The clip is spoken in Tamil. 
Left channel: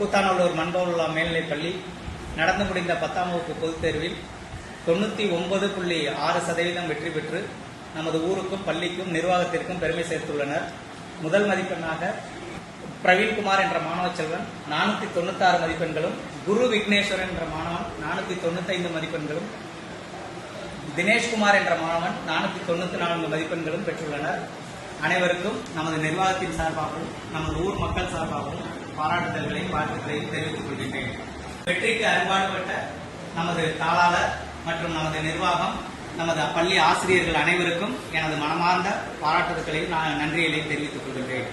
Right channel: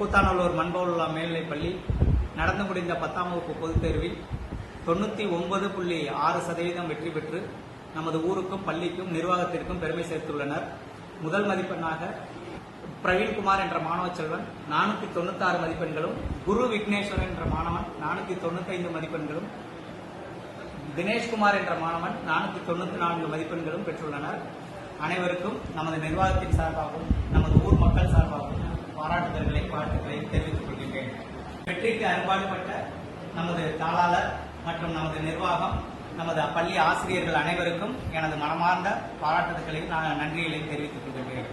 கூத்தாநல்லூர் மண்பவுல்லா மேல்நிலைப்பள்ளி நடந்து முடிந்த 10ஆம் வகுப்பு பொதுத் தேர்வில் 99.6% வெற்றி பெற்று நமது ஊருக்கும் பள்ளிக்கும் நிர்வாகத்திற்கும் பெருமை சேர்த்துள்ளனர். முதல் மதிப்பெண்ணாக பிரவீன்குமார் என்ற மாணவ செல்வன் 496 மதிப்பெண்களும், குரு விக்னேஸ்வரன் என்ற மாணவன் 495 மதிப்பெண்களும், தினேஷ்குமார் என்ற மாணவன் 494 மதிப்பெண்களும் பெற்றுள்ளனர். அனைவருக்கும் நமது நிர்வாகத்தின் சார்பாகவும் நமது ஊர் மக்கள் சார்பாகவும் பாராட்டுதல்களையும் வாழ்த்துக்களையும் தெரிவித்துக் கொள்கின்றேன். வெற்றிக்கு அரும்பாடுபட்ட நமது தாளாளர் மற்றும் நமது நிர்வாகம், நமது பள்ளி ஆசிரியர்கள் அனைவருக்கும் எனது மனமார்ந்த பாராட்டுதல்களையும் நன்றிகளையும் தெரிவித்துக் கொள்கின்றேன்.